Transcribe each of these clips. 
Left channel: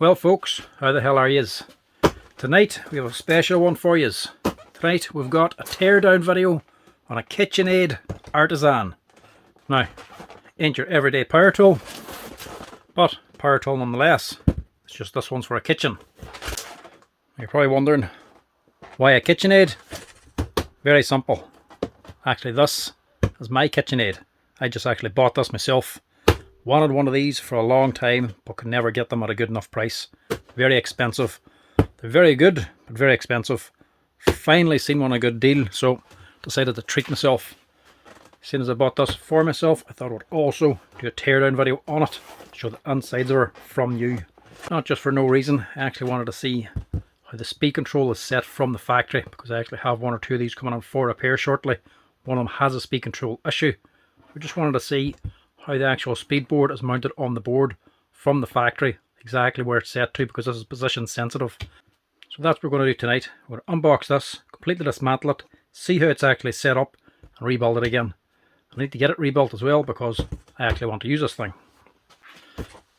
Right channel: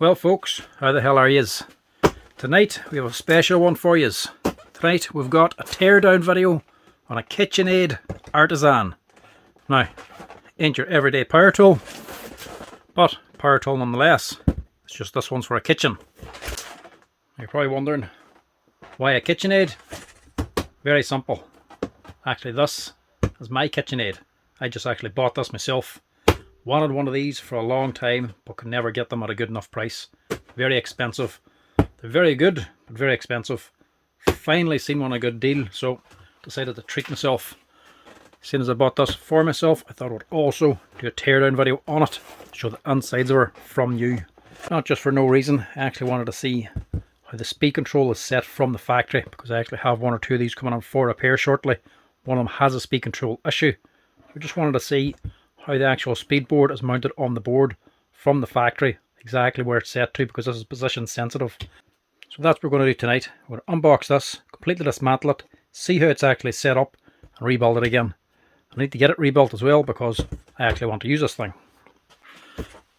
Well folks, how the hell are yous? Tonight we have a special one for yous. Tonight we've got a teardown video on a Kitchenaid Artisan. Now, ain't your everyday power tool, but power tool nonetheless. It's just this one's for a kitchen. You're probably wondering, why a Kitchenaid? Very simple. Actually, this is my Kitchenaid. I just actually bought this myself. Wanted one of these for a long time, but could never get them at a good enough price. Very expensive. They're very good, but very expensive. Finally seen one a good deal, so decided to treat myself. As soon as I bought this for myself, I thought I would also do a teardown video on it, show the insides of her from new. Not just for no reason, I actually wanted to see how the speed control is set from the factory, because I actually have one or two of these coming on for repair shortly. One of them has a speed control issue. I just wanted to see how the actual speed board is mounted on the board from the factory, exactly where it's set to, because this is position sensitive. So that's what we're going to do tonight. We're going to unbox this, completely dismantle it, see how it's actually set up, and rebuild it again. I need to get it rebuilt as well, because I actually want to use this thing.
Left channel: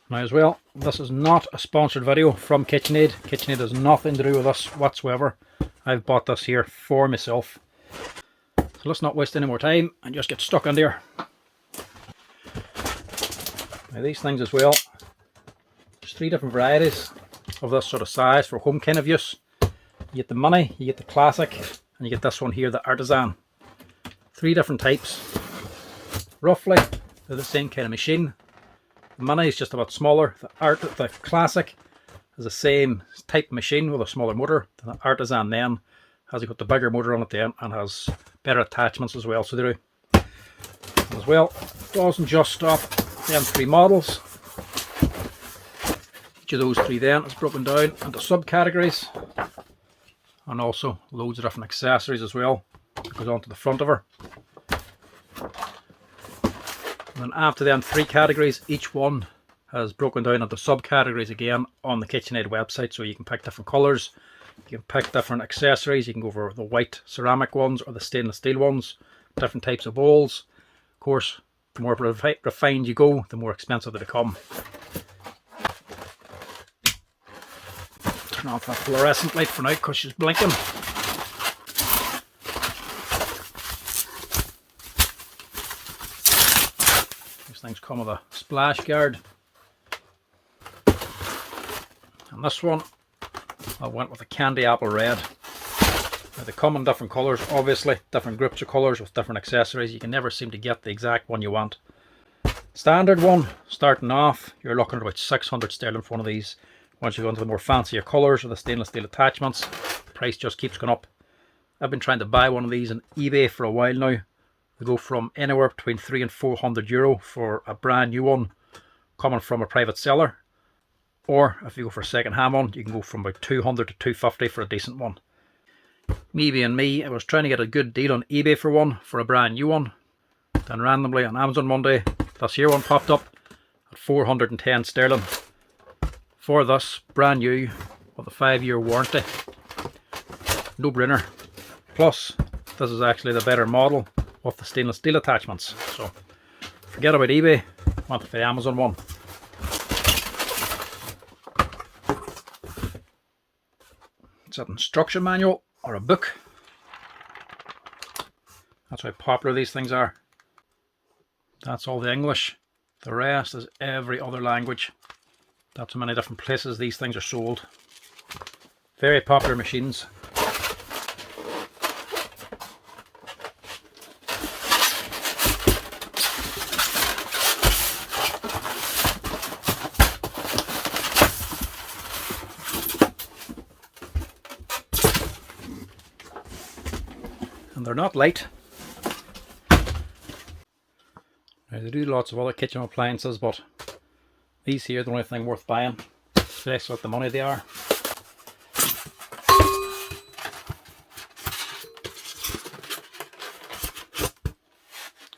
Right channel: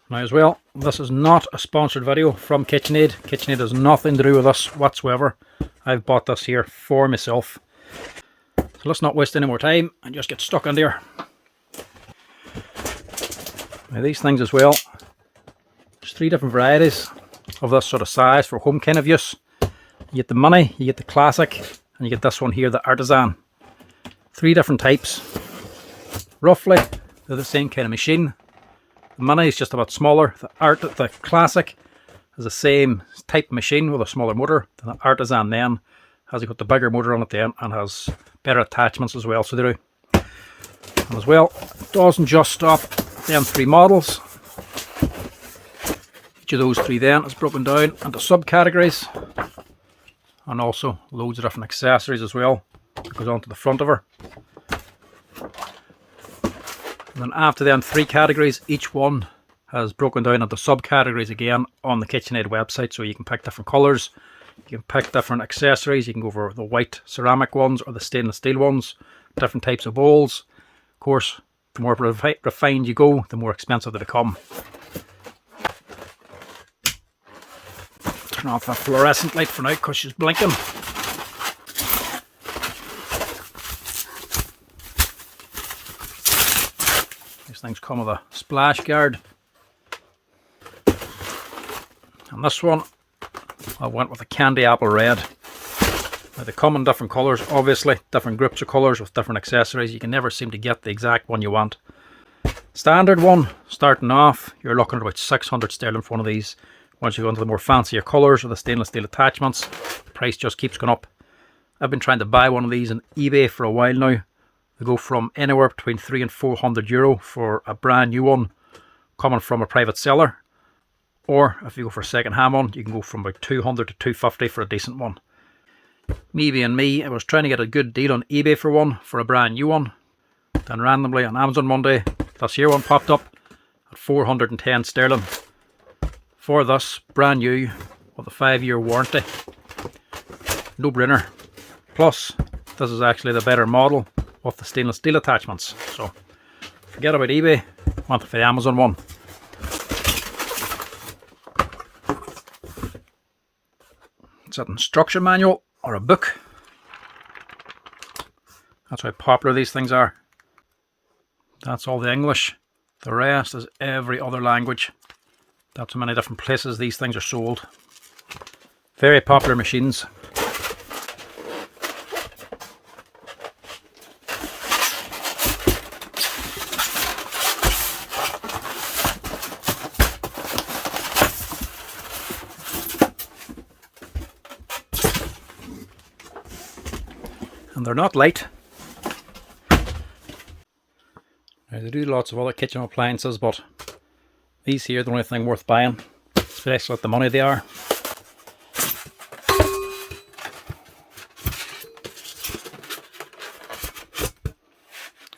Now as well, this is not a sponsored video from Kitchenaid. Kitchenaid has nothing to do with this whatsoever. I've bought this here for myself. So let's not waste any more time and just get stuck in there. Now these things as well, there's three different varieties of this sort of size for home kind of use. You get the Mini, you get the Classic, and you get this one here, the Artisan. Three different types. Roughly, they're the same kind of machine. The Mini is just a bit smaller. The Classic is the same type of machine with a smaller motor. The Artisan then has got the bigger motor on it then and has better attachments as well, so they do. And as well, it doesn't just stop them three models. Each of those three then is broken down into subcategories, and also loads of different accessories as well that goes onto the front of her. And then after them three categories, each one has broken down into subcategories again on the Kitchenaid website, so you can pick different colours, you can pick different accessories, you can go for the white ceramic ones or the stainless steel ones, different types of bowls. Of course, the more refined you go, the more expensive they become. Turn off that fluorescent light for now because she's blinking. These things come with a splash guard. And this one, I went with a candy apple red. Now they come in different colours, obviously, different groups of colours with different accessories. You can never seem to get the exact one you want. Standard one, starting off, you're looking at about 600 sterling for one of these. Once you go into the more fancier colours or the stainless steel attachments, the price just keeps going up. I've been trying to buy one of these on eBay for a while now. They go from anywhere between €300 and €400 for a brand new one coming from a private seller. Or if you go for a second hand one, you can go from about $200 to $250 for a decent one. Me being me, I was trying to get a good deal on eBay for one, for a brand new one. Then randomly on Amazon Monday, this here one popped up at 410 sterling. For this, brand new, with a 5-year warranty. No brainer. Plus, this is actually the better model with the stainless steel attachments. So, forget about eBay, went for the Amazon one. It's an instruction manual or a book. That's how popular these things are. That's all the English. The rest is every other language. That's how many different places these things are sold. Very popular machines. And they're not light. Now, they do lots of other kitchen appliances, but these here are the only thing worth buying, especially with the money they are.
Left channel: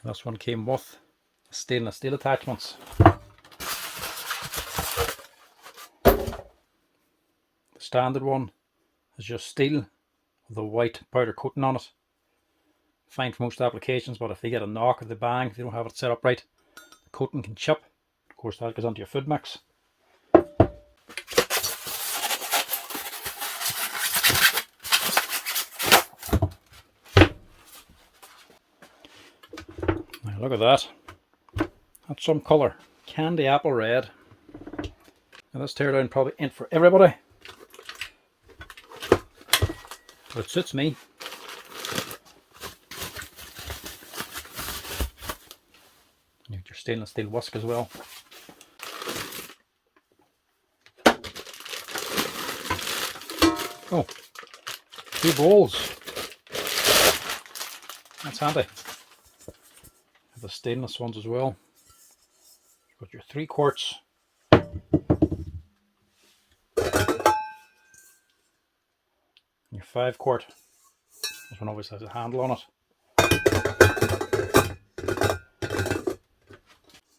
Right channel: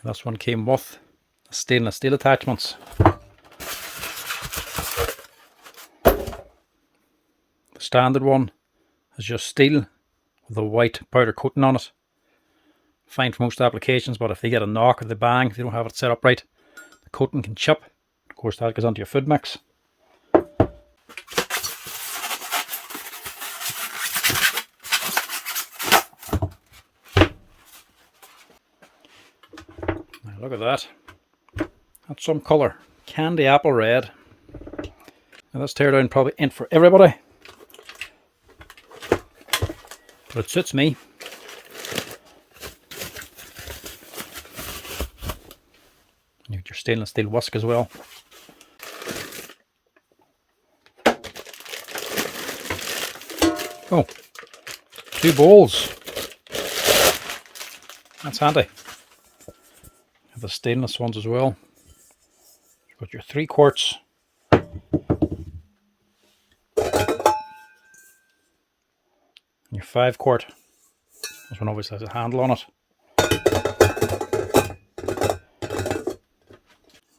This one came with stainless steel attachments. The standard one is just steel with a white powder coating on it. Fine for most applications, but if they get a knock or they bang, if they don't have it set up right, the coating can chip. Of course, that goes onto your food mix. Look at that. That's some colour. Candy apple red. Now this teardown probably ain't for everybody, but it suits me. You get your stainless steel whisk as well. Oh, 2 bowls. That's handy. Have the stainless ones as well. You've got your 3 quarts. Your 5 quart. This one obviously has a handle on it.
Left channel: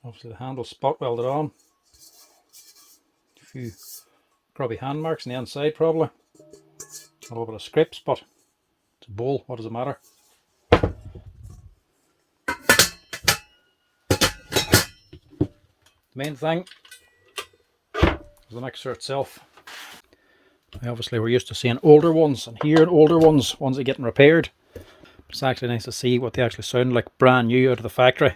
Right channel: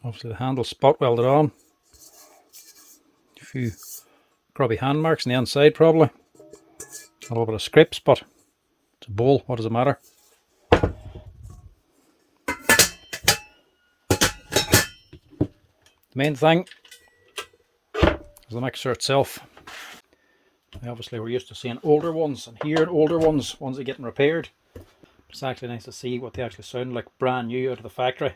Obviously the handle spot welded on. A few grubby hand marks on the inside probably. A little bit of scrapes, but it's a bowl, what does it matter? The main thing is the mixer itself. Obviously we're used to seeing older ones and hearing older ones that are getting repaired. It's actually nice to see what they actually sound like brand new out of the factory.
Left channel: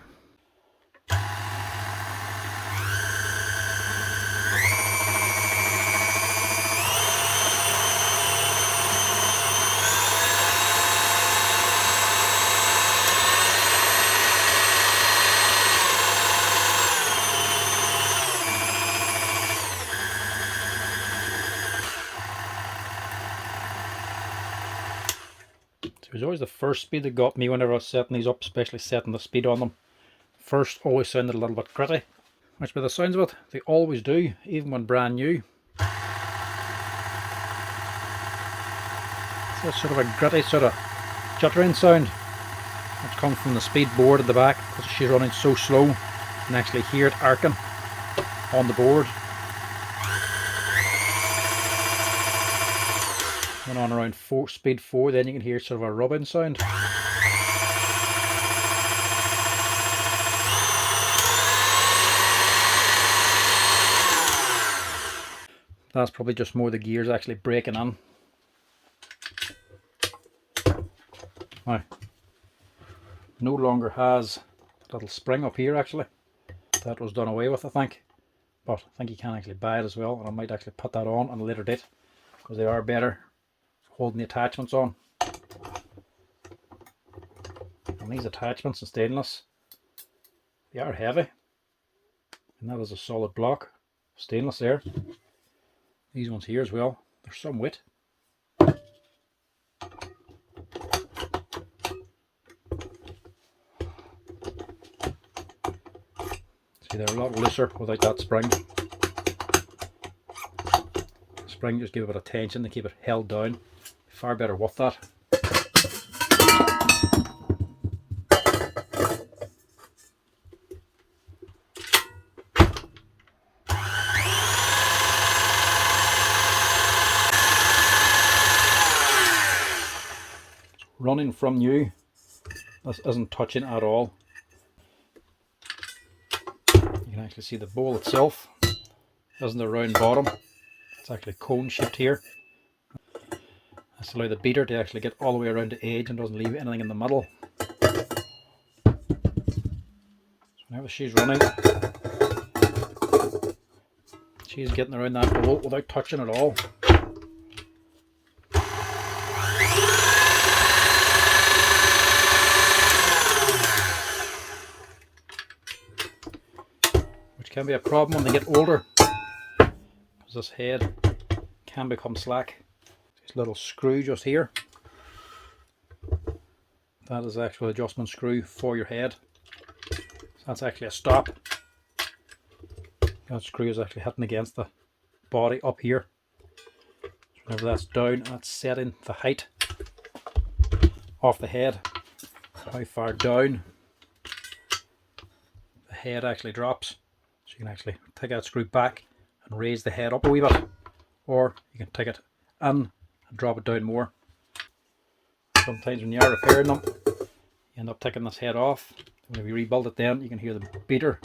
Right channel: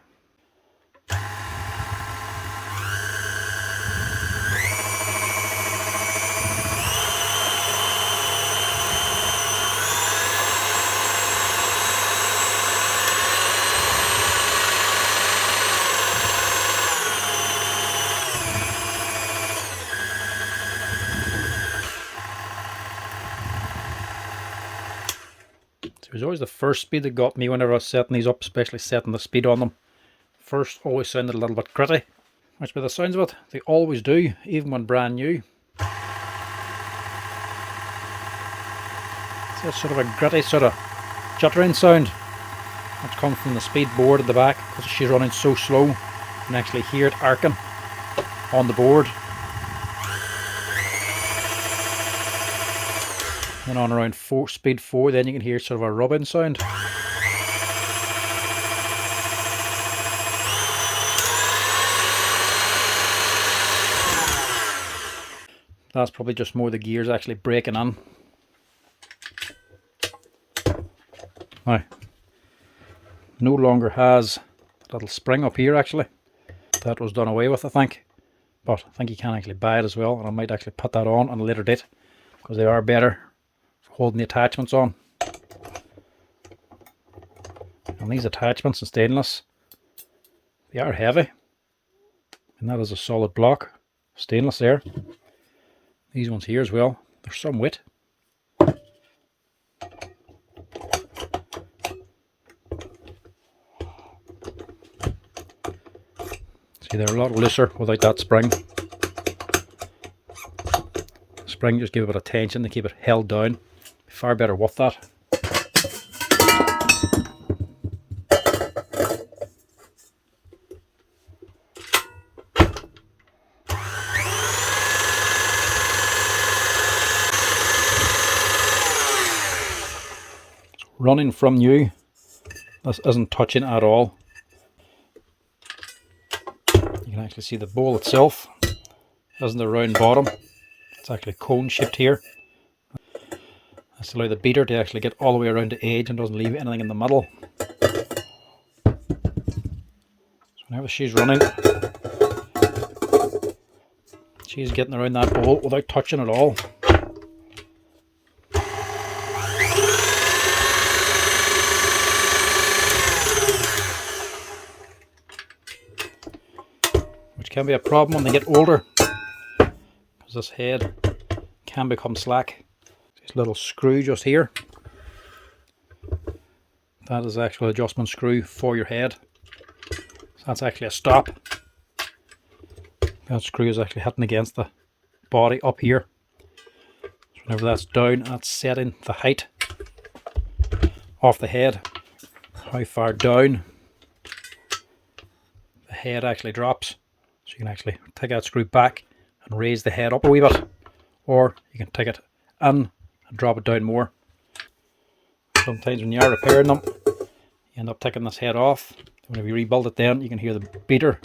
It was always the first speed that got me whenever I was setting these up, especially setting the speed on them. First always sounded a little bit gritty, which by the sounds of it, they always do, even when brand new. So that's sort of a gritty sort of juttering sound. That's come from the speed board at the back, because she's running so slow. You can actually hear it arcing on the board. And on around speed 4, then you can hear sort of a rubbing sound. That's probably just more the gears actually breaking in. Now, no longer has a little spring up here actually. That was done away with, I think. But I think you can actually buy it as well, and I might actually put that on a later date, because they are better holding the attachments on. And these attachments in stainless, they are heavy, and that is a solid block stainless there. These ones here as well, they're some weight. See, they're a lot looser without that spring. The spring just give a bit of tension to keep it held down. Far better with that. Running from new, this isn't touching at all. You can actually see the bowl itself isn't a round bottom, it's actually cone shaped here. That's to allow the beater to actually get all the way around the edge and doesn't leave anything in the middle. So whenever she's running, she's getting around that bowl without touching at all. Which can be a problem when they get older, because this head can become slack. This little screw just here, that is the actual adjustment screw for your head. So that's actually a stop. That screw is actually hitting against the body up here. So whenever that's down, that's setting the height of the head, how far down the head actually drops. So you can actually take that screw back and raise the head up a wee bit, or you can take it in and drop it down more. Sometimes when you are repairing them, you end up taking this head off. Whenever you rebuild it, then you can hear the beater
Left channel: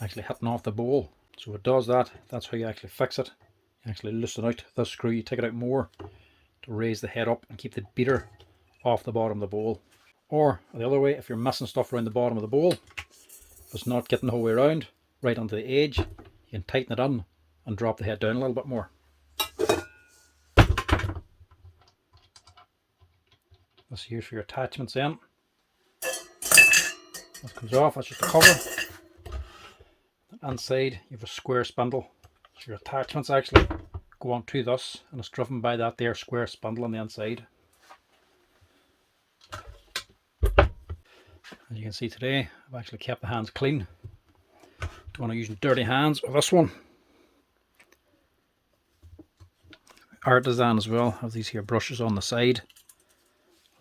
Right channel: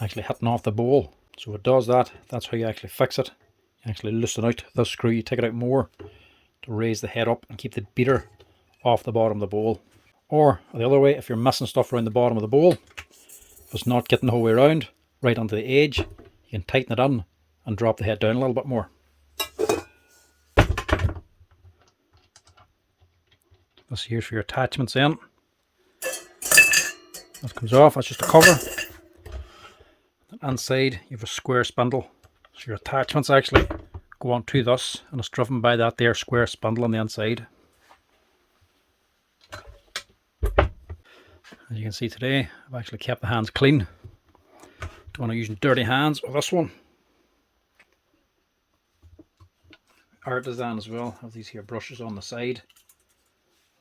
actually hitting off the bowl. So it does that. That's how you actually fix it. You actually loosen out the screw, you take it out more to raise the head up and keep the beater off the bottom of the bowl. Or the other way, if you're missing stuff around the bottom of the bowl, it's not getting the whole way around, right onto the edge, you can tighten it on and drop the head down a little bit more. This here's for your attachments in. That comes off, that's just a cover. Inside you have a square spindle, so your attachments actually go onto this, and it's driven by that there square spindle on the inside. As you can see today, I've actually kept the hands clean. Don't want to use dirty hands with this one. Artisan as well, have these here brushes on the side.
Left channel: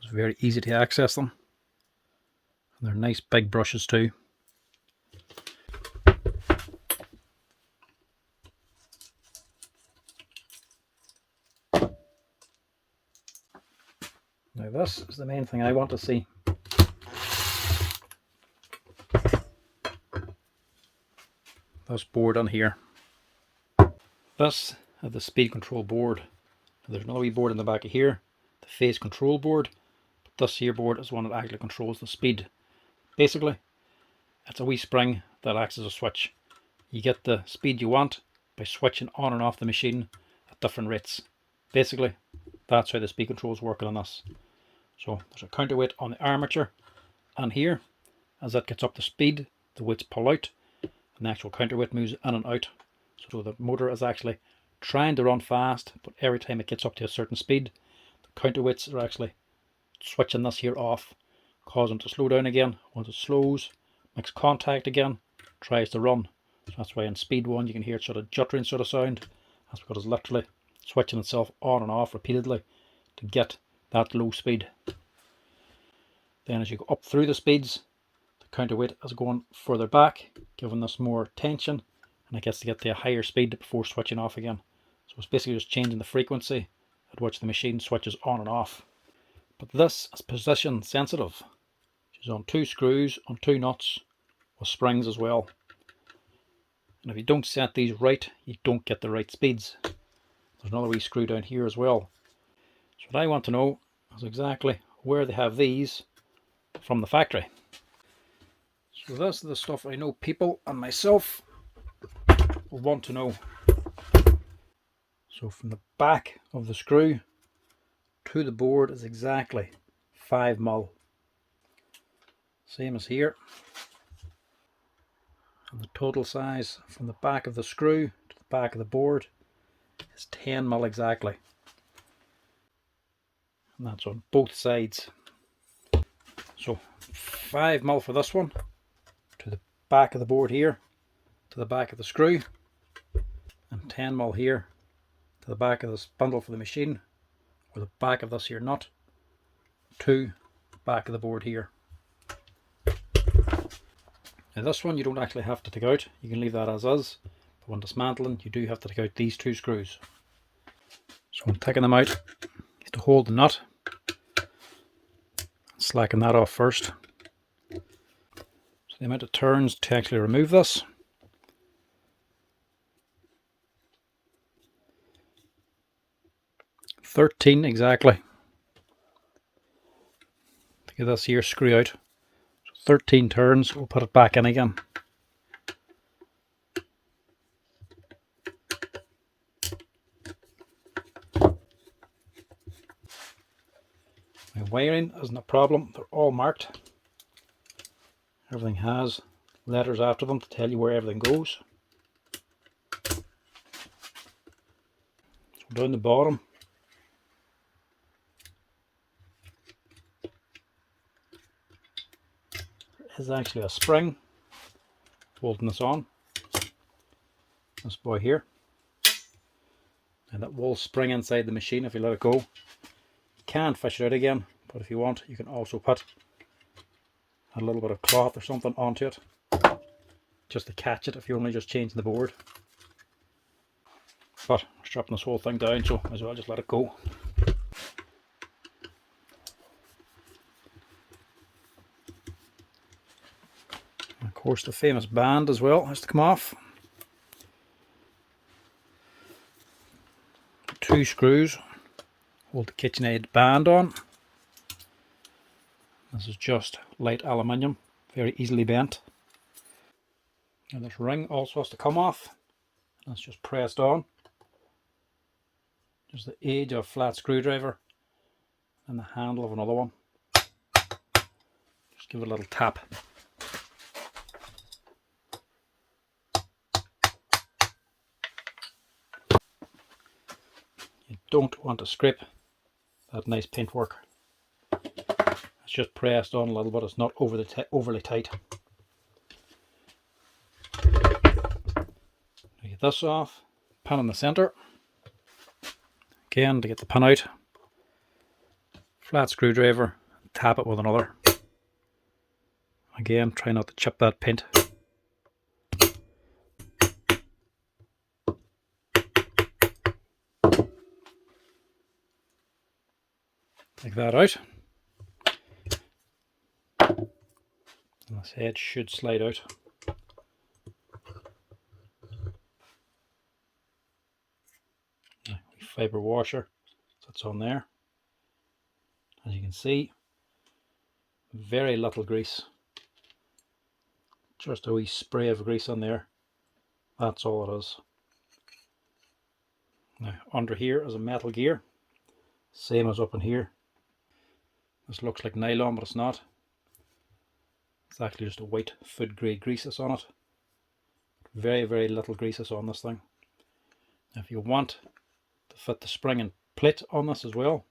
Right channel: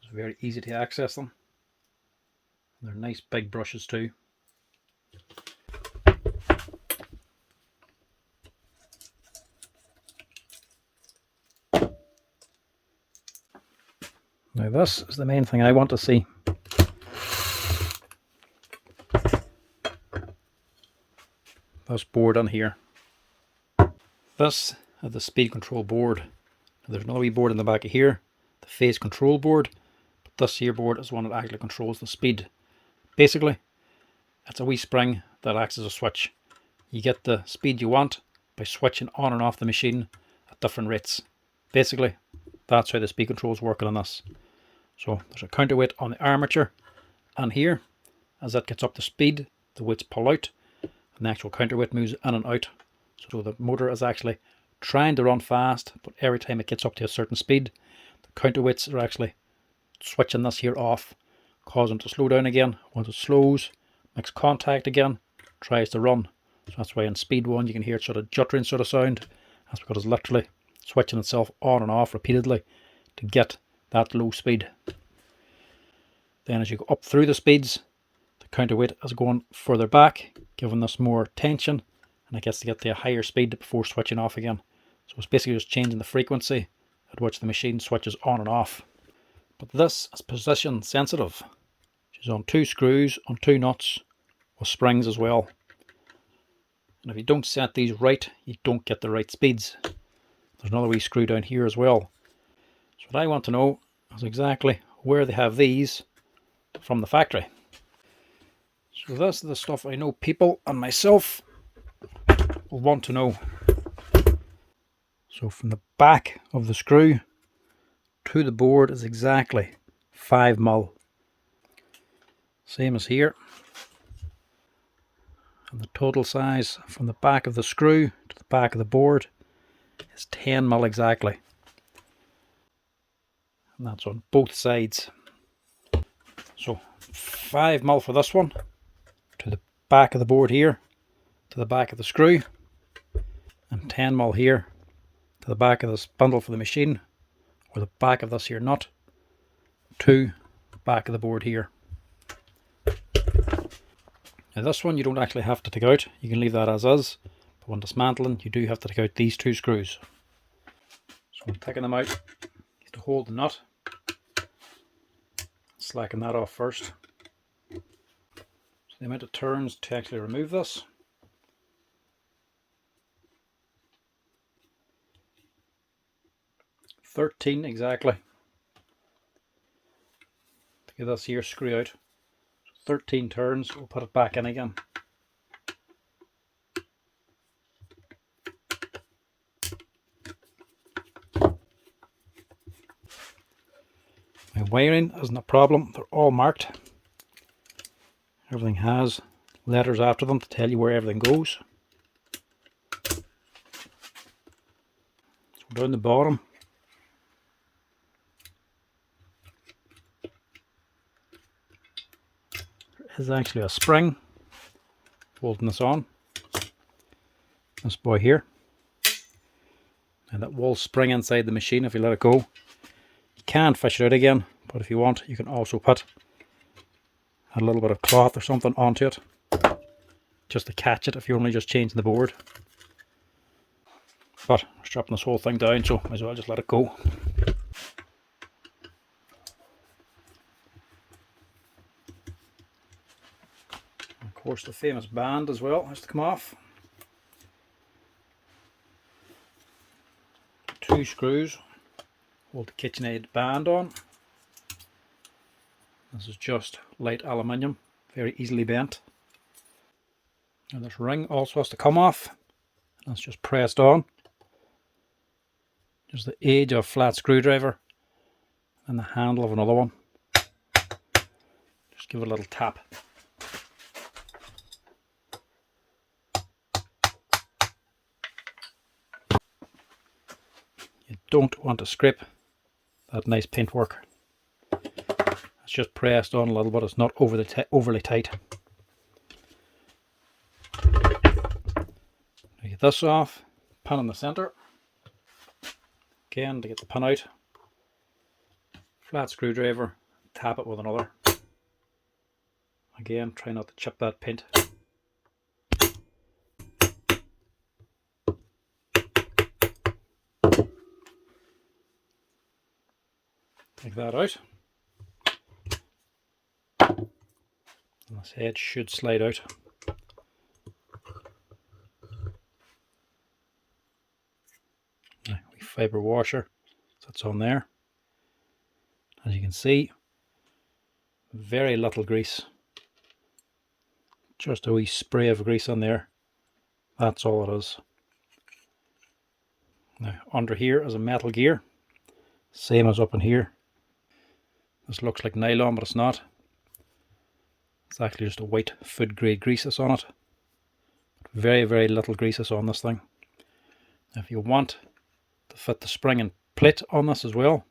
It's very easy to access them. And they're nice big brushes too. Now this is the main thing I want to see. This board on here. This is the speed control board. There's another wee board in the back of here, the phase control board. But this here board is one that actually controls the speed. Basically, it's a wee spring that acts as a switch. You get the speed you want by switching on and off the machine at different rates. Basically, that's how the speed control is working on this. So there's a counterweight on the armature, and here, as that gets up to speed, the weights pull out, and the actual counterweight moves in and out. So the motor is actually trying to run fast, but every time it gets up to a certain speed, the counterweights are actually switching this here off, causing it to slow down again. Once it slows, makes contact again, tries to run. So that's why in speed 1 you can hear it sort of juttering sort of sound. That's because it's literally switching itself on and off repeatedly to get that low speed. Then as you go up through the speeds, the counterweight is going further back, giving this more tension, and it gets to get to a higher speed before switching off again. So it's basically just changing the frequency at which the machine switches on and off. But this is position sensitive, which is on 2 screws, on 2 nuts, with springs as well. And if you don't set these right, you don't get the right speeds. There's another wee screw down here as well. So what I want to know is exactly where they have these from the factory. So this is the stuff I know people and myself will want to know. So from the back of the screw to the board is exactly 5mm. Same as here. And the total size from the back of the screw to the back of the board is 10mm exactly. And that's on both sides. So 5mm for this one, to the back of the board here, to the back of the screw, and 10mm here, to the back of the spindle for the machine, or the back of this here nut, to the back of the board here. Now this one you don't actually have to take out, you can leave that as is, but when dismantling you do have to take out these 2 screws. So when taking them out, you have to hold the nut, slacken that off first. So the amount of turns to actually remove this, $13 exactly to get this here screw out. So 13 turns, we'll put it back in again. Now wiring isn't a problem, they're all marked. Everything has letters after them to tell you where everything goes. So down the bottom, there is actually a spring holding this on. This boy here. And that will spring inside the machine if you let it go. You can fish it out again, but if you want, you can also put a little bit of cloth or something onto it, just to catch it if you're only just changing the board. But we're strapping this whole thing down, so might as well just let it go. And of course the famous band as well has to come off. 2 screws hold the Kitchenaid band on. This is just light aluminium, very easily bent. And this ring also has to come off. That's just pressed on. Just the edge of a flat screwdriver and the handle of another one. Just give it a little tap. You don't want to scrape that nice paintwork. It's just pressed on a little bit, it's not overly tight. Get this off, pin in the centre. Again, to get the pin out, flat screwdriver, tap it with another. Again, try not to chip that paint. Take that out. And this head should slide out. Now, fibre washer that's on there. As you can see, very little grease. Just a wee spray of grease in there. That's all it is. Now under here is a metal gear. Same as up in here. This looks like nylon, but it's not. It's actually just a white food grade grease that's on it. Very little grease is on this thing. Now if you want to fit the spring and plate on this as well,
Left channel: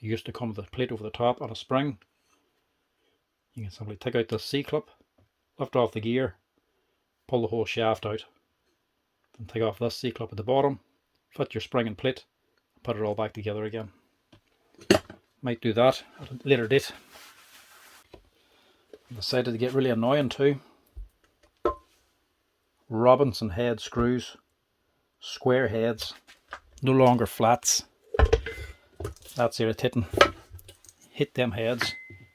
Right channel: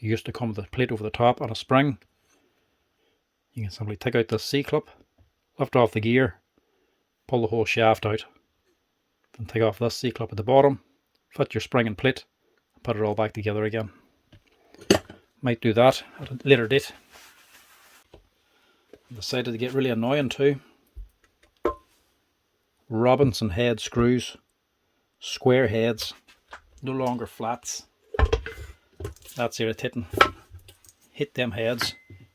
they used to come with a plate over the top and a spring. You can simply take out this C-clip, lift off the gear, pull the whole shaft out, then take off this C-clip at the bottom, fit your spring and plate, and put it all back together again. Might do that at a later date. I decided to get really annoying too. Robinson head screws, square heads, no longer flats. That's irritating. Hit them heads.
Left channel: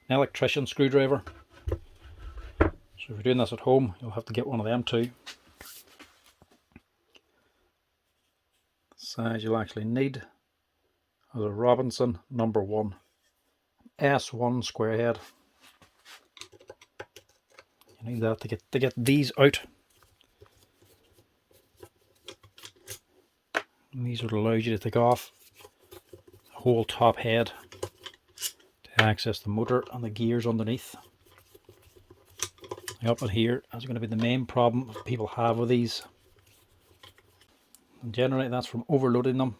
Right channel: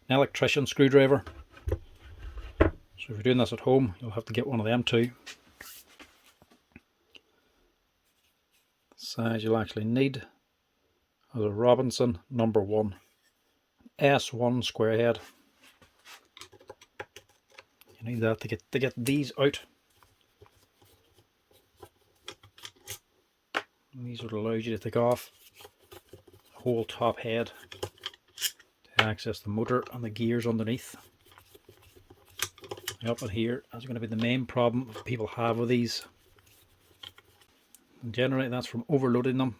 An electrician screwdriver. So if you're doing this at home, you'll have to get one of them too. The size you'll actually need is a Robinson number 1, S1 square head. You need that to get these out. And these would allow you to take off the whole top head to access the motor and the gears underneath. Up in here is going to be the main problem people have with these. And generally that's from overloading them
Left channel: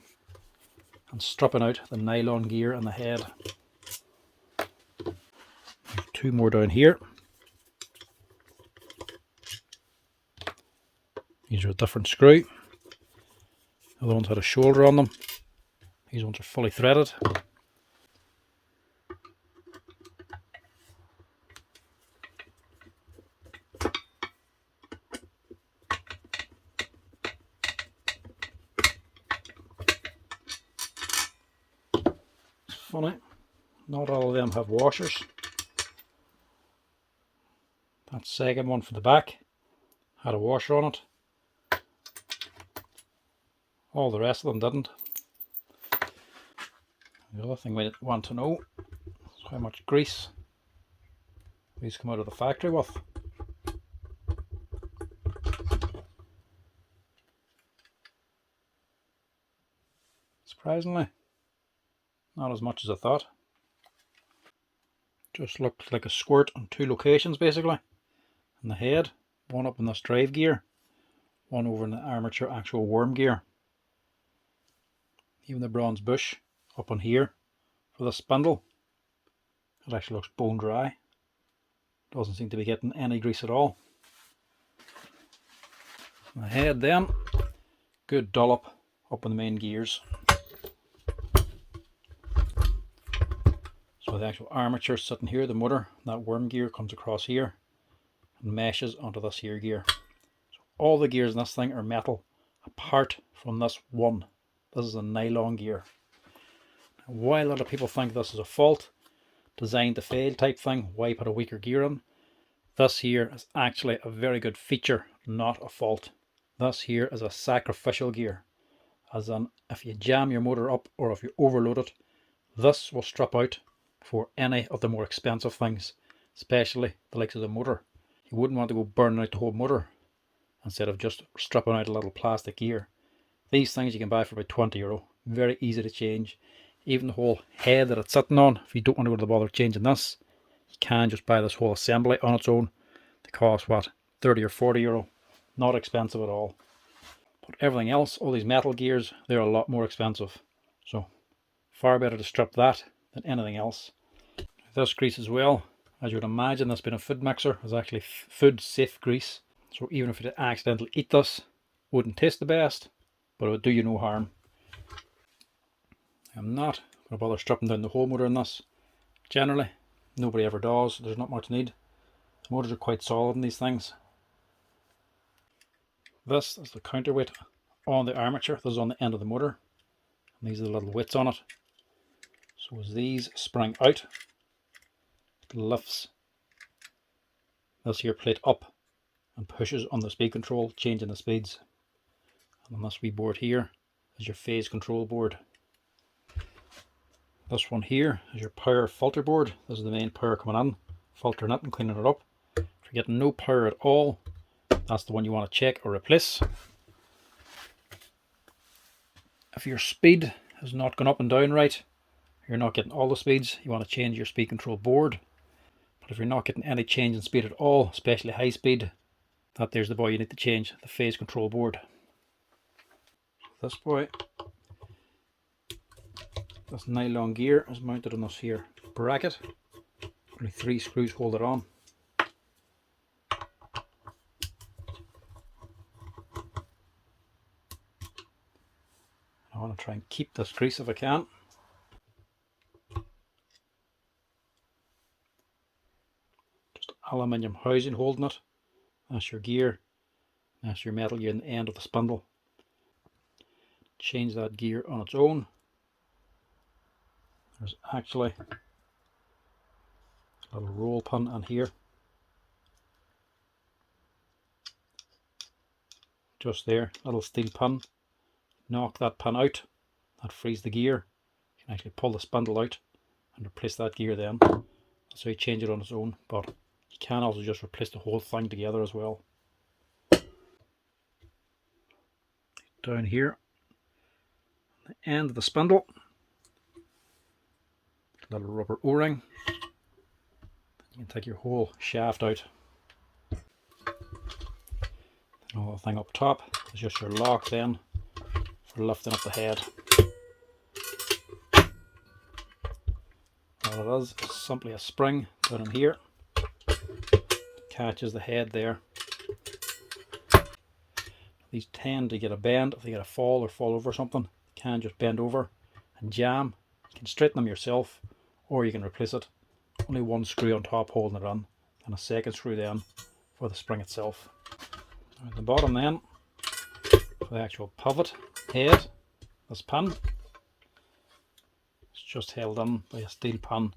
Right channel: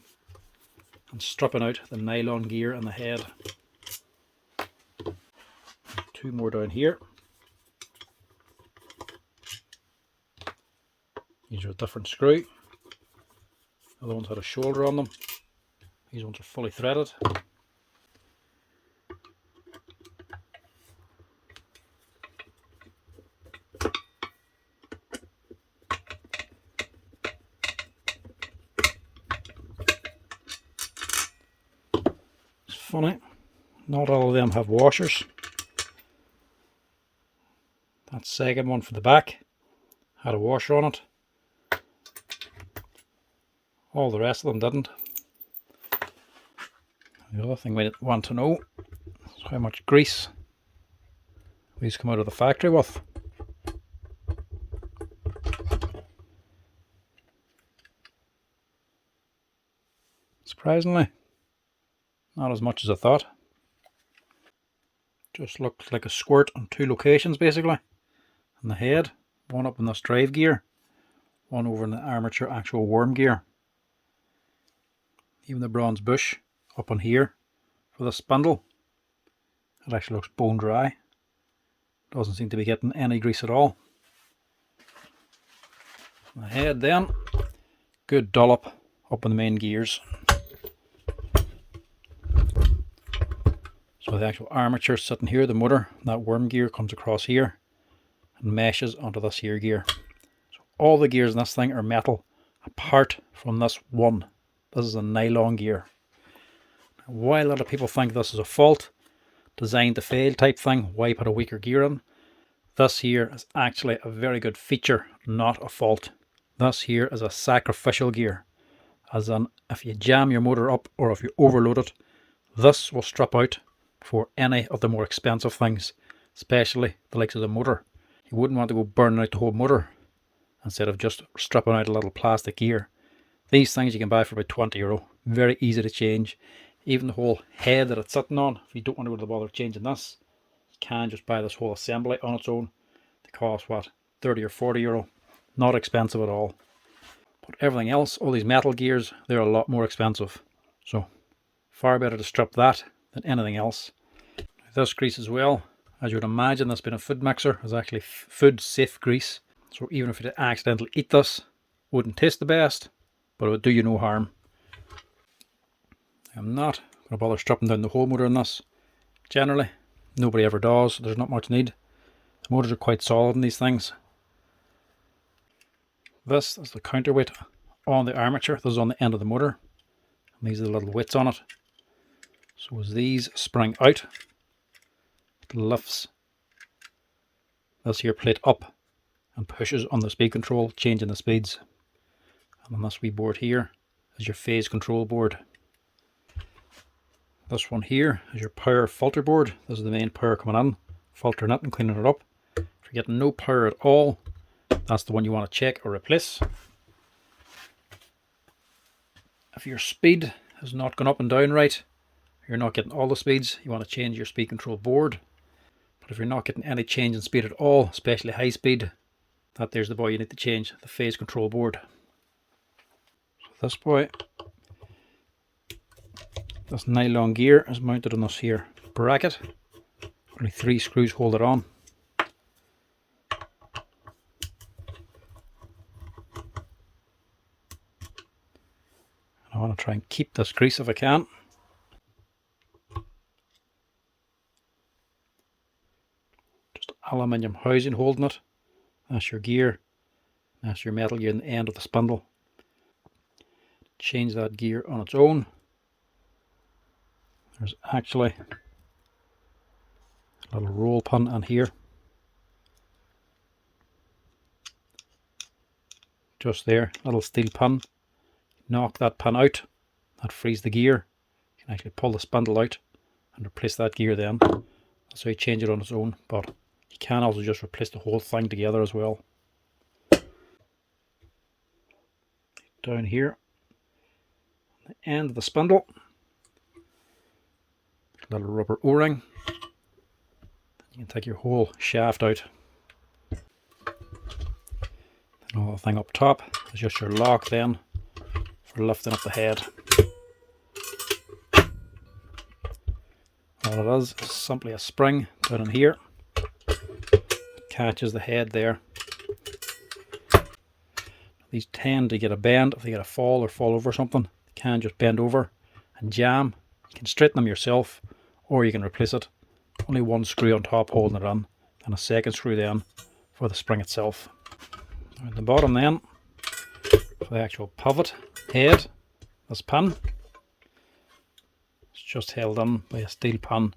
and stripping out the nylon gear and the head. There's 2 more down here. These are a different screw. The other ones had a shoulder on them. These ones are fully threaded. It's funny, not all of them have washers. That second one for the back had a washer on it. All the rest of them didn't. The other thing we want to know is how much grease these come out of the factory with. Surprisingly, not as much as I thought. Just looked like a squirt on 2 locations basically. In the head, one up in this drive gear, one over in the armature actual worm gear. Even the bronze bush up on here for the spindle, it actually looks bone dry. Doesn't seem to be getting any grease at all. The head then, good dollop up in the main gears. So the actual armature sitting here, the motor, that worm gear comes across here and meshes onto this here gear. So all the gears in this thing are metal apart from this one. This is a nylon gear. Now, why a lot of people think this is a fault, designed to fail type thing, why put a weaker gear in? This here is actually a very good feature, not a fault. This here is a sacrificial gear. As in, if you jam your motor up or if you overload it, this will strip out for any of the more expensive things, especially the likes of the motor. You wouldn't want to go burning out the whole motor. instead of just stripping out a little plastic gear. These things you can buy for about €20. Very easy to change. Even the whole head that it's sitting on, if you don't want to go to the bother changing this, you can just buy this whole assembly on its own. They cost what, €30 or €40. Not expensive at all. But everything else, all these metal gears, they're a lot more expensive. So far better to strip that than anything else. This grease as well, as you would imagine, this being a food mixer, is actually food safe grease. So even if you accidentally eat this, it wouldn't taste the best, but it would do you no harm. I'm not going to bother stripping down the whole motor on this. Generally, nobody ever does. There's not much need. The motors are quite solid in these things. This is the counterweight on the armature. This is on the end of the motor. And these are the little weights on it. So as these spring out, it lifts this here plate up and pushes on the speed control, changing the speeds. And on this wee board here is your phase control board. This one here is your power filter board. This is the main power coming in, filtering it and cleaning it up. If you're getting no power at all, that's the one you want to check or replace. If your speed has not gone up and down right, you're not getting all the speeds, you want to change your speed control board. But if you're not getting any change in speed at all, especially high speed, there's the boy you need to change, the phase control board. So this boy, this nylon gear is mounted on this here bracket. Only 3 screws hold it on. I want to try and keep this grease if I can. Just aluminium housing holding it. That's your gear. That's your metal gear in the end of the spindle. Change that gear on its own. There's actually a little roll pin in here. Just there, little steel pin. Knock that pin out. That frees the gear. You can actually pull the spindle out and replace that gear then. That's how you change it on its own, but you can also just replace the whole thing together as well. Down here, the end of the spindle, little rubber o-ring. You can take your whole shaft out. And all the thing up top is just your lock then for lifting up the head. All it is simply a spring down in here. It catches the head there. These tend to get a bend if they get a fall or fall over something. They can just bend over and jam. You can straighten them yourself or you can replace it. Only 1 screw on top holding it in and a 2nd screw then for the spring itself. At the bottom then, for the actual pivot head, this pin, it's just held in by a steel pin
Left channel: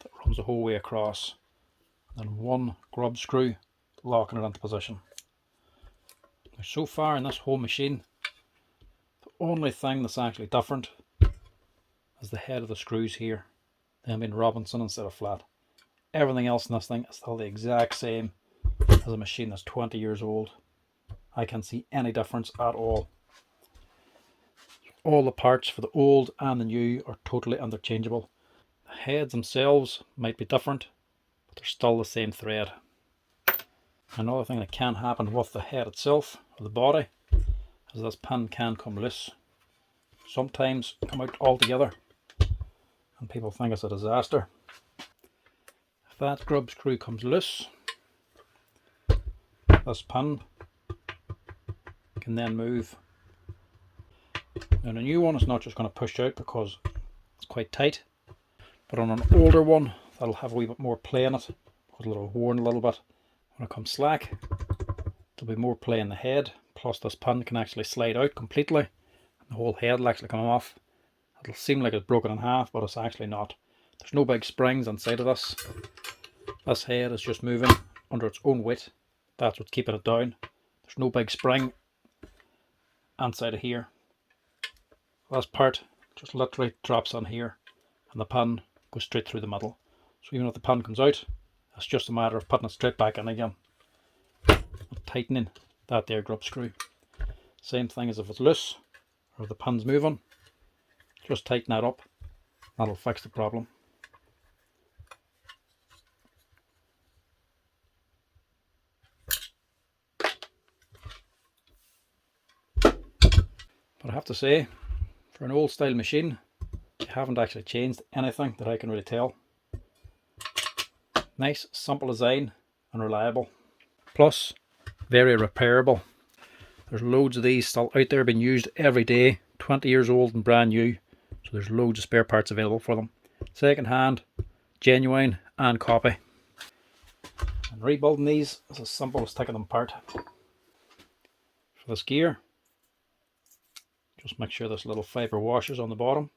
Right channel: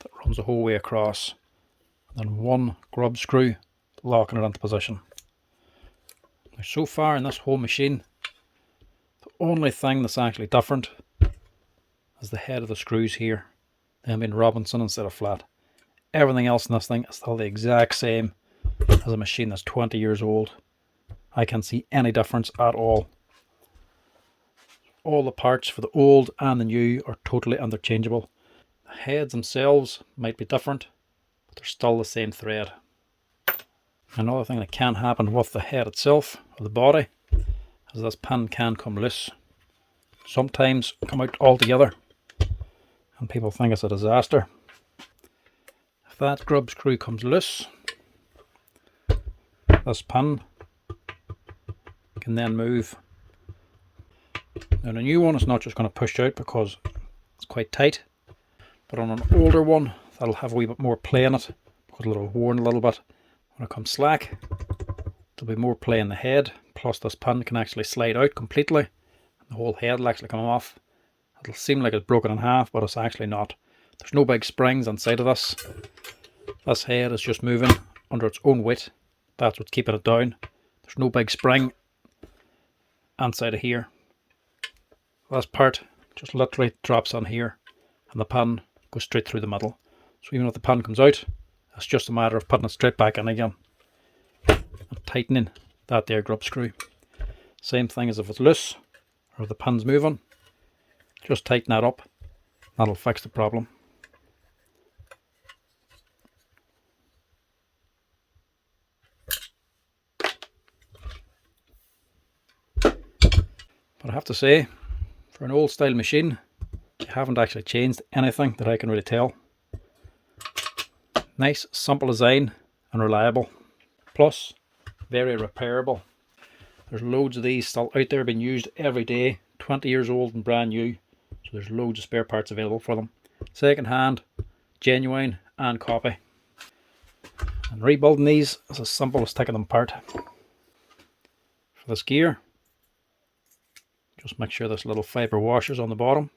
that runs the whole way across. And then 1 grub screw locking it into position. Now so far in this whole machine, the only thing that's actually different is the head of the screws here. Them being Robinson instead of flat. Everything else in this thing is still the exact same as a machine that's 20 years old. I can't see any difference at all. All the parts for the old and the new are totally interchangeable. The heads themselves might be different, but they're still the same thread. Another thing that can happen with the head itself, or the body, is this pin can come loose. Sometimes come out altogether, and people think it's a disaster. If that grub screw comes loose, this pin can then move. Now the new one is not just going to push out because it's quite tight, but on an older one that'll have a wee bit more play in it because it'll have worn a little bit. When it comes slack, there'll be more play in the head, plus this pin can actually slide out completely and the whole head will actually come off. It'll seem like it's broken in half, but it's actually not. There's no big springs inside of this. This head is just moving under its own weight. That's what's keeping it down. There's no big spring inside of here. This part just literally drops on here and the pin goes straight through the middle. So even if the pin comes out, it's just a matter of putting it straight back in again and tightening that there grub screw. Same thing as if it's loose or if the pin's moving. Just tighten that up. That'll fix the problem. But I have to say, for an old style machine, you haven't actually changed anything that I can really tell. Nice, simple design and reliable. Plus, very repairable. There's loads of these still out there being used every day, 20 years old and brand new. So there's loads of spare parts available for them. Second hand, genuine and copy. And rebuilding these is as simple as taking them apart. For this gear, just make sure this little fibre washer's on the bottom.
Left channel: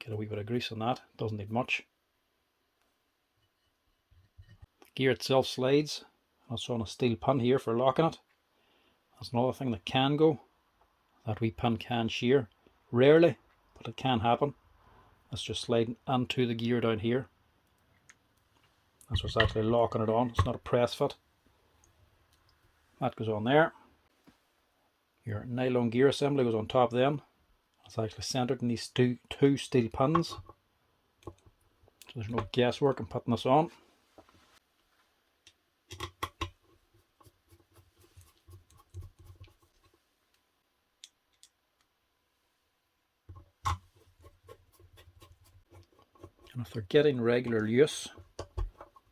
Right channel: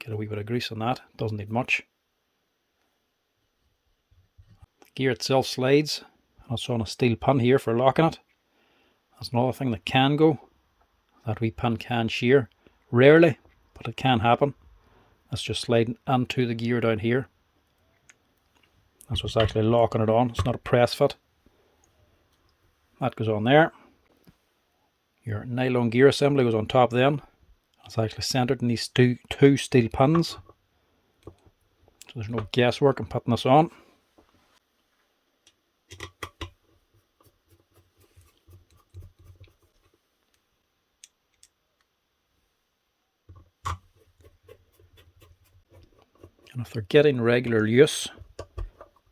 Get a wee bit of grease on that, doesn't need much. The gear itself slides, and it's on a steel pin here for locking it. That's another thing that can go. That wee pin can shear. Rarely, but it can happen. That's just sliding into the gear down here. That's what's actually locking it on. It's not a press fit. That goes on there. Your nylon gear assembly goes on top then. It's actually centered in these two steel pins. So there's no guesswork in putting this on. And if they're getting regular use,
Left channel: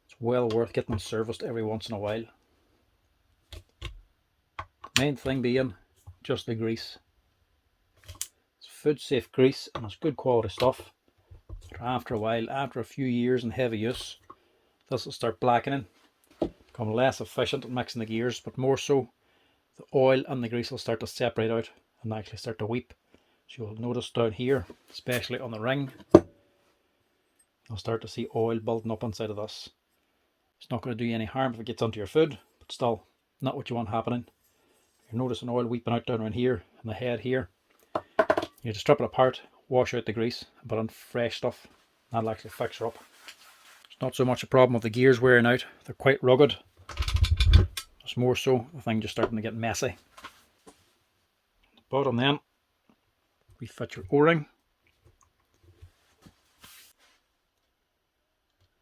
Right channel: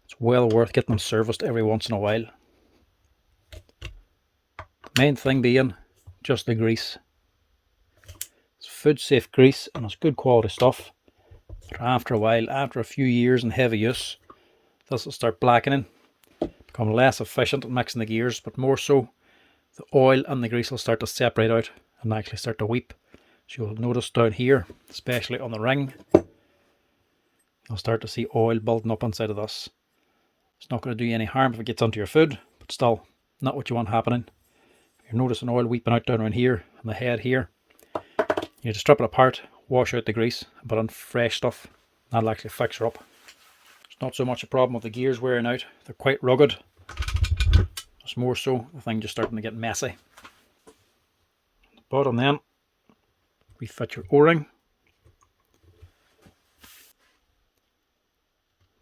it's well worth getting them serviced every once in a while. The main thing being just the grease. It's food safe grease and it's good quality stuff. But after a while, after a few years in heavy use, this will start blackening, become less efficient at mixing the gears, but more so the oil and the grease will start to separate out and actually start to weep. So you'll notice down here, especially on the ring, you'll start to see oil building up inside of this. It's not going to do you any harm if it gets onto your food, but still not what you want happening. You're noticing oil weeping out down around here on the head here. You just strip it apart, wash out the grease, and put on fresh stuff. That'll actually fix her up. It's not so much a problem with the gears wearing out. They're quite rugged. It's more so the thing just starting to get messy. The bottom then, we fit your O-ring.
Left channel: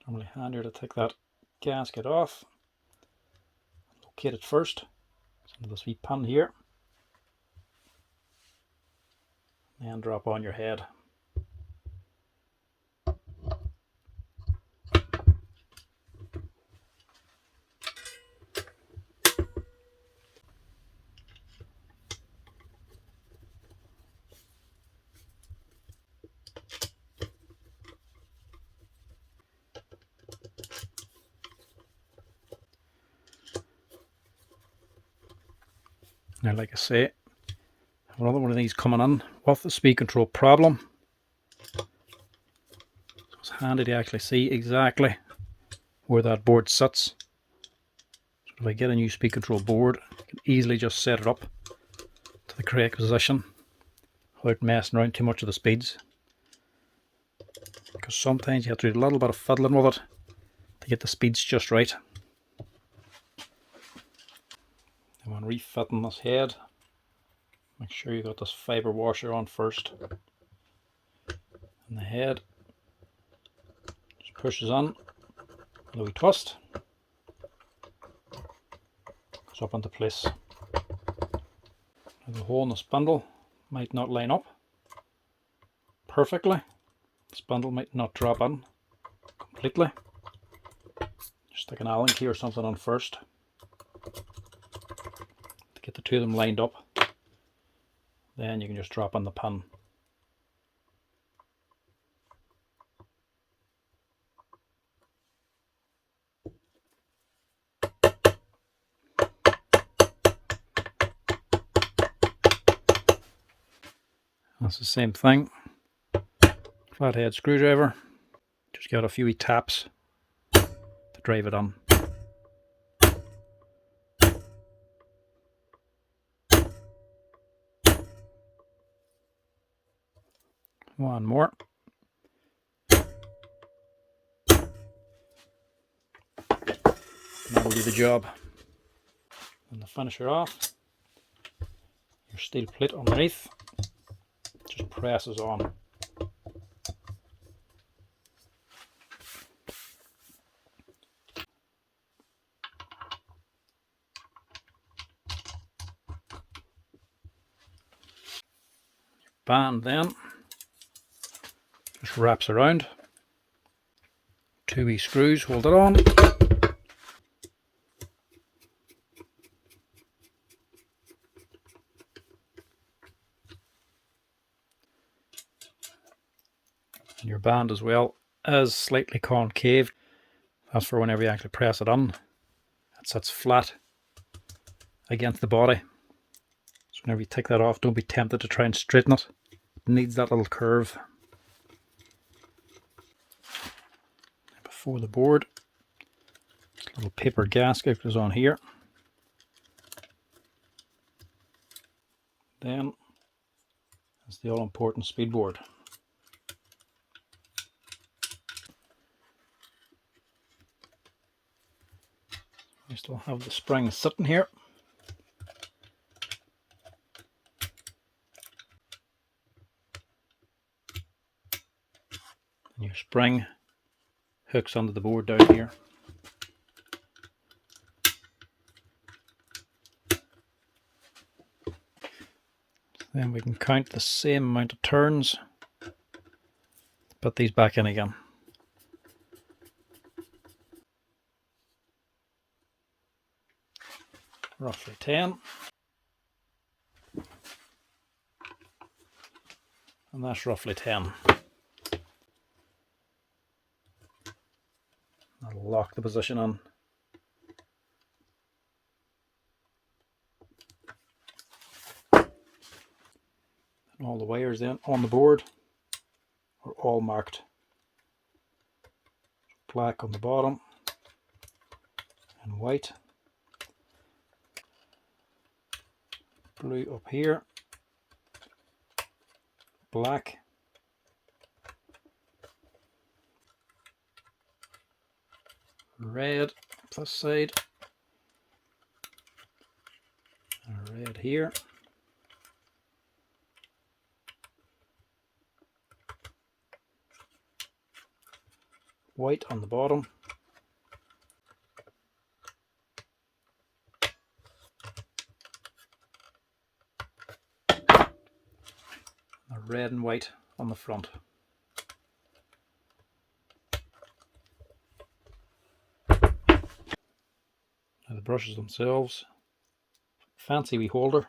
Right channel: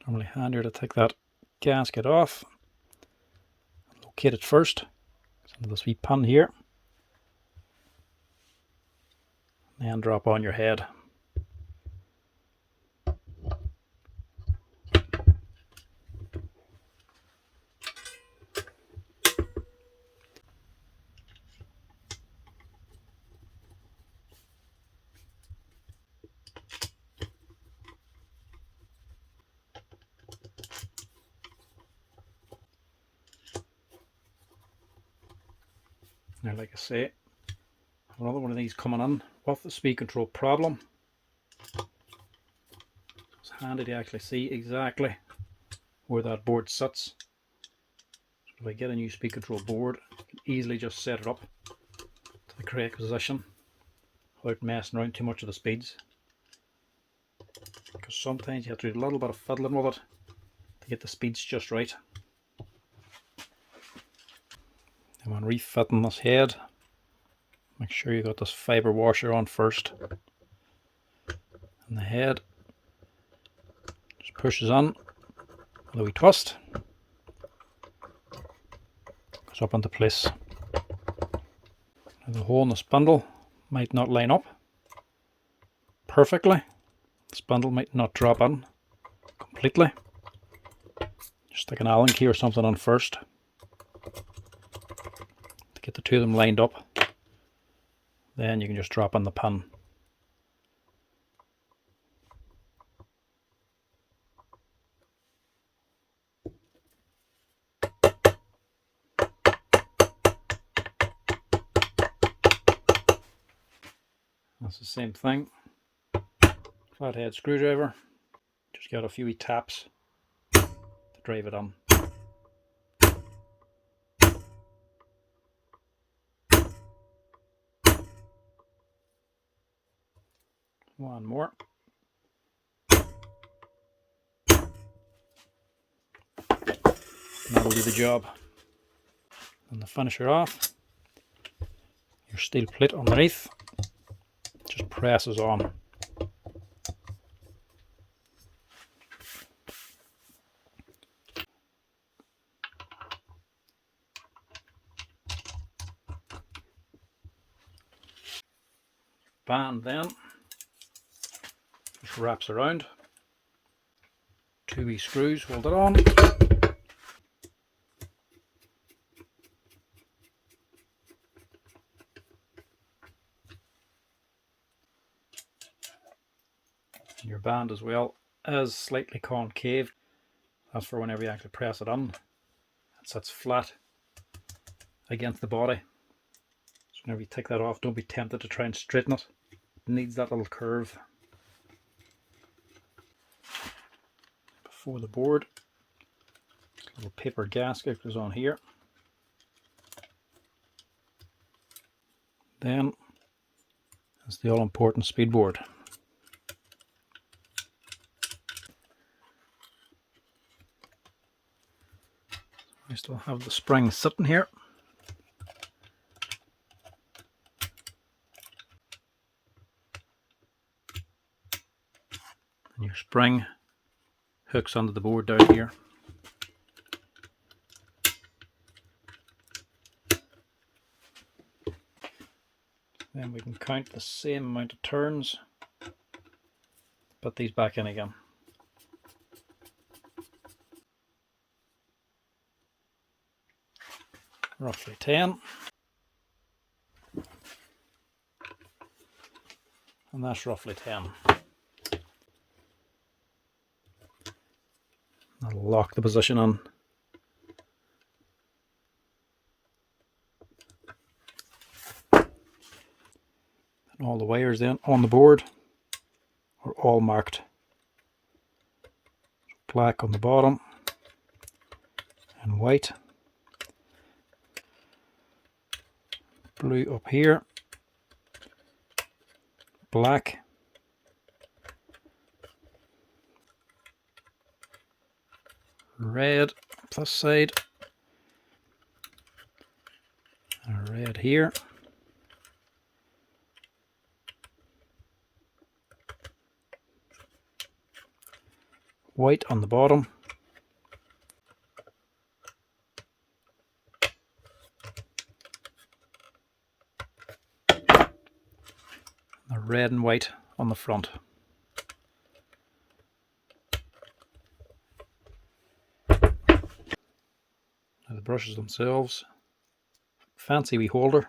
Normally handier to take that gasket off. Locate it first. Under this wee pin here. And then drop on your head. Now, like I say, I have another one of these coming in with the speed control problem. So it's handy to actually see exactly where that board sits. So if I get a new speed control board, I can easily just set it up to the correct position without messing around too much of the speeds. Because sometimes you have to do a little bit of fiddling with it to get the speeds just right. And when refitting this head, make sure you got this fibre washer on first. And the head just pushes on with a wee twist. Goes up into place. Now the hole in the spindle might not line up perfectly. The spindle might not drop in completely. Just stick an Allen key or something on first. Get the two of them lined up, then you can just drop on the pin. That's the same thing. Flathead screwdriver, just got a few wee taps to drive it on. One more. That'll do the job. the finisher off, your steel plate underneath just presses on. Band then just wraps around. 2 wee screws hold it on. And your band as well is slightly concave. That's for whenever you actually press it on, it sits flat against the body. So whenever you take that off, don't be tempted to try and straighten it. It needs that little curve. Before the board, a little paper gasket goes on here. Then is the all-important speed board. I still have the spring sitting here. And your spring hooks onto the board down here. Then we can count the same amount of turns, put these back in again. Roughly 10. And that's roughly 10. I'll lock the position on. And all the wires then on the board are all marked. Black on the bottom and white. Blue up here. Black. Red this side. And red here. White on the bottom. The red and white on the front. Now the brushes themselves, fancy wee holder,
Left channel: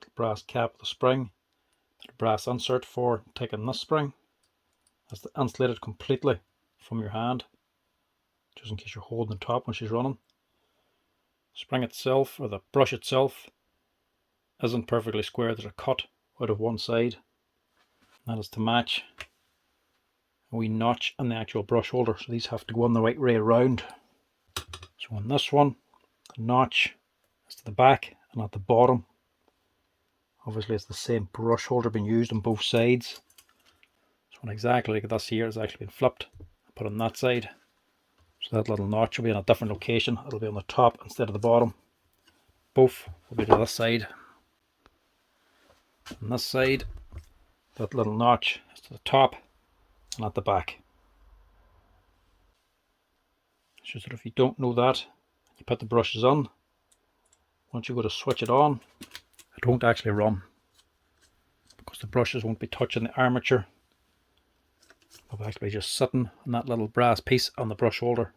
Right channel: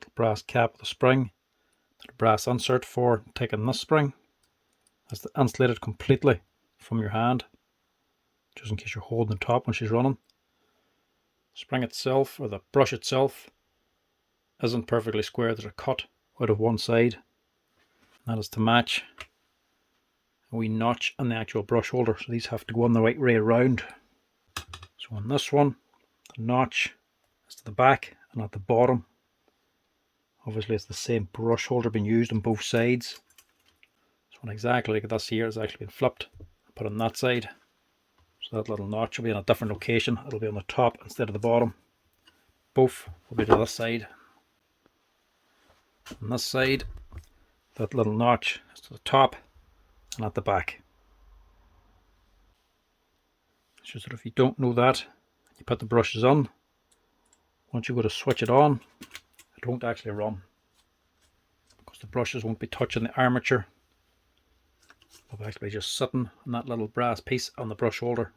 little brass cap with a spring, little brass insert for taking this spring. That's insulated completely from your hand, just in case you're holding the top when she's running. Spring itself, or the brush itself, isn't perfectly square. There's a cut out of one side. That is to match a wee notch on the actual brush holder, so these have to go on the right way around. So on this one, the notch is to the back and at the bottom. Obviously it's the same brush holder being used on both sides. So one exactly like this here has actually been flipped and put on that side. So that little notch will be in a different location. It'll be on the top instead of the bottom. Both will be to this side. On this side, that little notch is to the top and at the back. It's just that if you don't know that, you put the brushes on, once you go to switch it on, it won't actually run, because the brushes won't be touching the armature. They'll actually be just sitting on that little brass piece on the brush holder,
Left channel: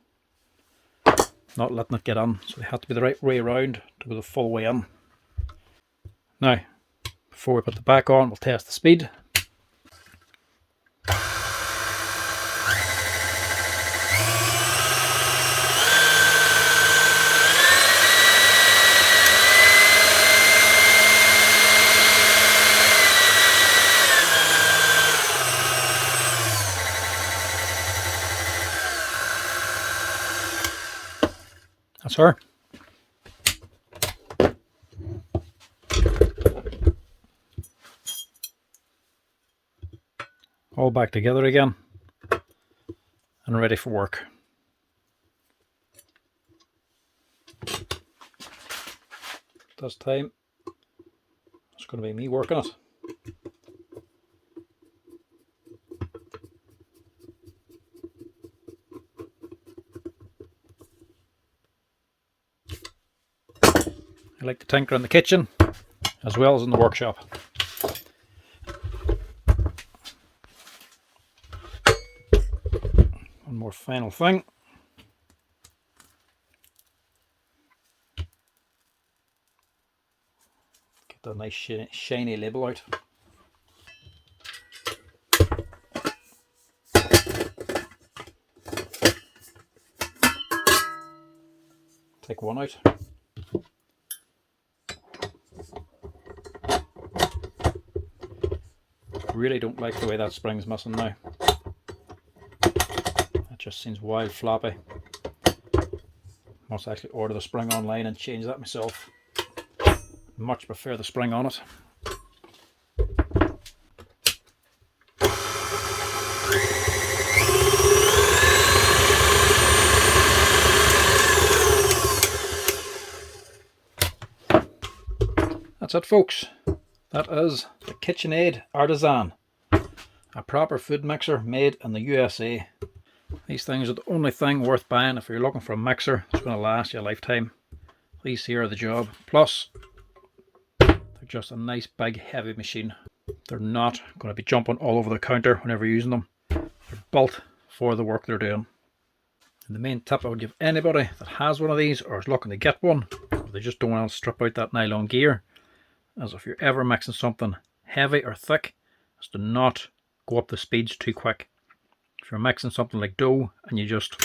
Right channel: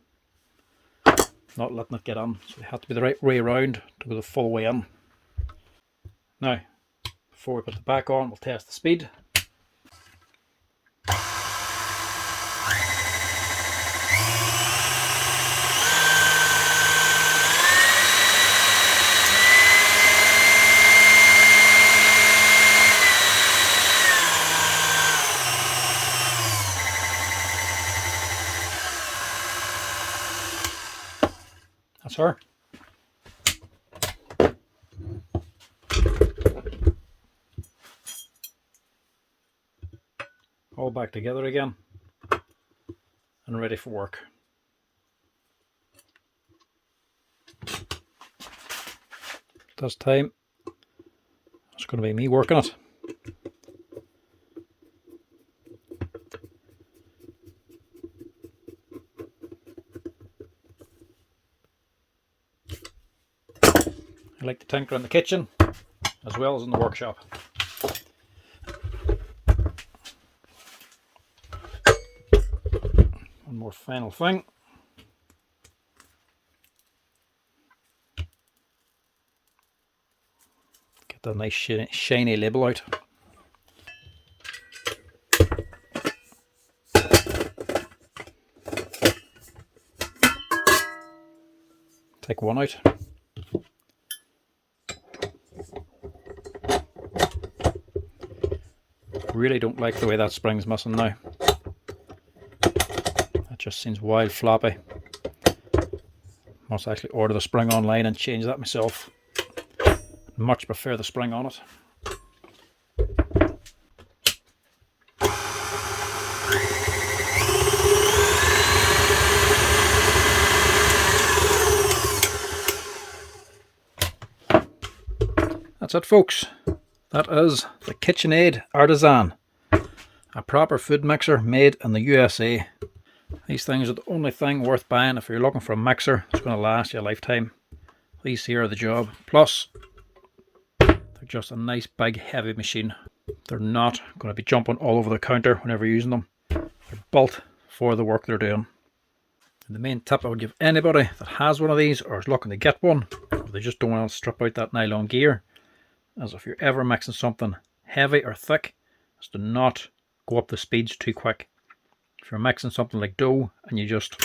not letting it get on. So they have to be the right way around to go the full way in. Now, before we put the back on, we'll test the speed. That's her. All back together again and ready for work. this time it's going to be me working it. I like to tinker in the kitchen as well as in the workshop. One more final thing. Get the nice shiny label out. Take one out. Really don't like the way that spring's missing now. That just seems wild floppy. Must actually order the spring online and change that myself. Much prefer the spring on it. That's it, folks. That is the Kitchenaid Artisan, a proper food mixer made in the USA. These things are the only thing worth buying if you're looking for a mixer that's going to last you a lifetime. These here are the job. Plus, they're just a nice big heavy machine. They're not going to be jumping all over the counter whenever you're using them. They're built for the work they're doing. And the main tip I would give anybody that has one of these or is looking to get one, or they just don't want to strip out that nylon gear, as if you're ever mixing something heavy or thick, is to not go up the speeds too quick. If you're mixing something like dough and you just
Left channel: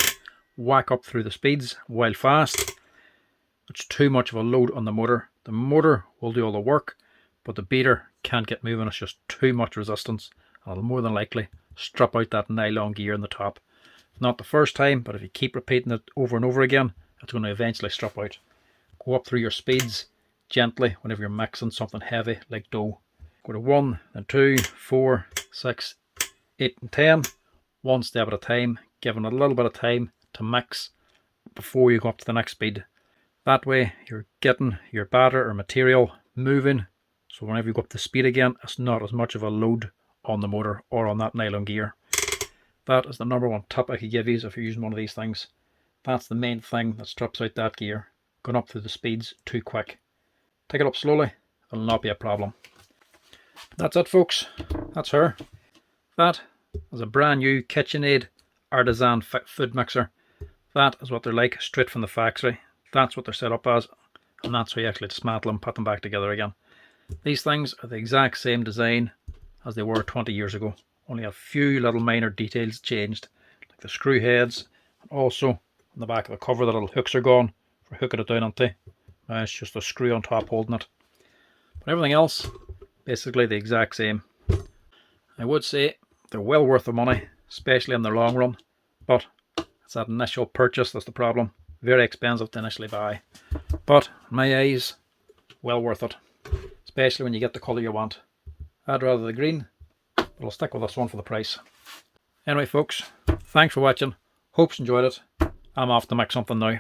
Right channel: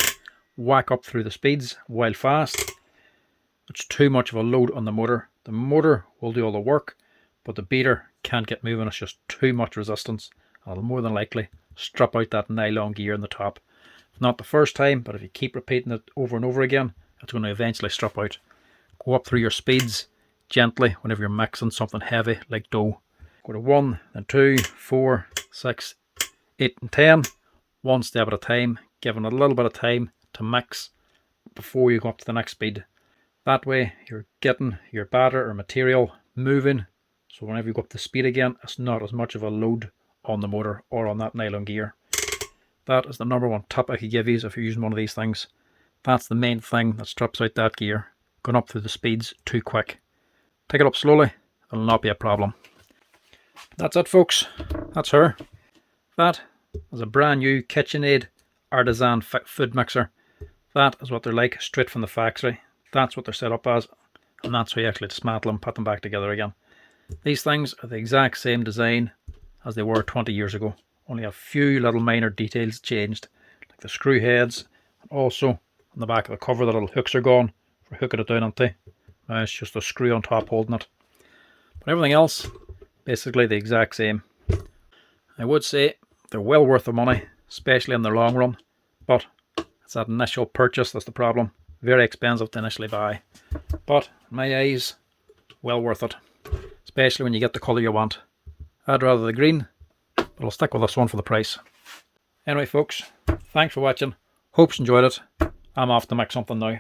whack up through the speeds while fast, it's too much of a load on the motor. The motor will do all the work, but the beater can't get moving. It's just too much resistance, and it'll more than likely strip out that nylon gear in the top. Not the first time, but if you keep repeating it over and over again, it's going to eventually strip out. Go up through your speeds gently whenever you're mixing something heavy like dough. Go to 1, then 2, 4, 6, 8 and 10, one step at a time, giving it a little bit of time to mix before you go up to the next speed. That way you're getting your batter or material moving, so whenever you go up to speed again, it's not as much of a load on the motor or on that nylon gear. That is the number one tip I could give you if you're using one of these things. That's the main thing that strips out that gear, going up through the speeds too quick. Take it up slowly, it'll not be a problem. That's it, folks. That's her. That is a brand new Kitchenaid Artisan food mixer. That is what they're like straight from the factory. That's what they're set up as, and that's how you actually dismantle them, put them back together again. These things are the exact same design as they were 20 years ago. Only a few little minor details changed, like the screw heads, and also on the back of the cover the little hooks are gone for hooking it down onto. Now it's just a screw on top holding it. But everything else, basically the exact same. I would say they're well worth the money, especially in the long run, but it's that initial purchase that's the problem. Very expensive to initially buy, but in my eyes, well worth it, especially when you get the colour you want. I'd rather the green, but I'll stick with this one for the price. Anyway, folks, thanks for watching. Hope you enjoyed it. I'm off to make something now.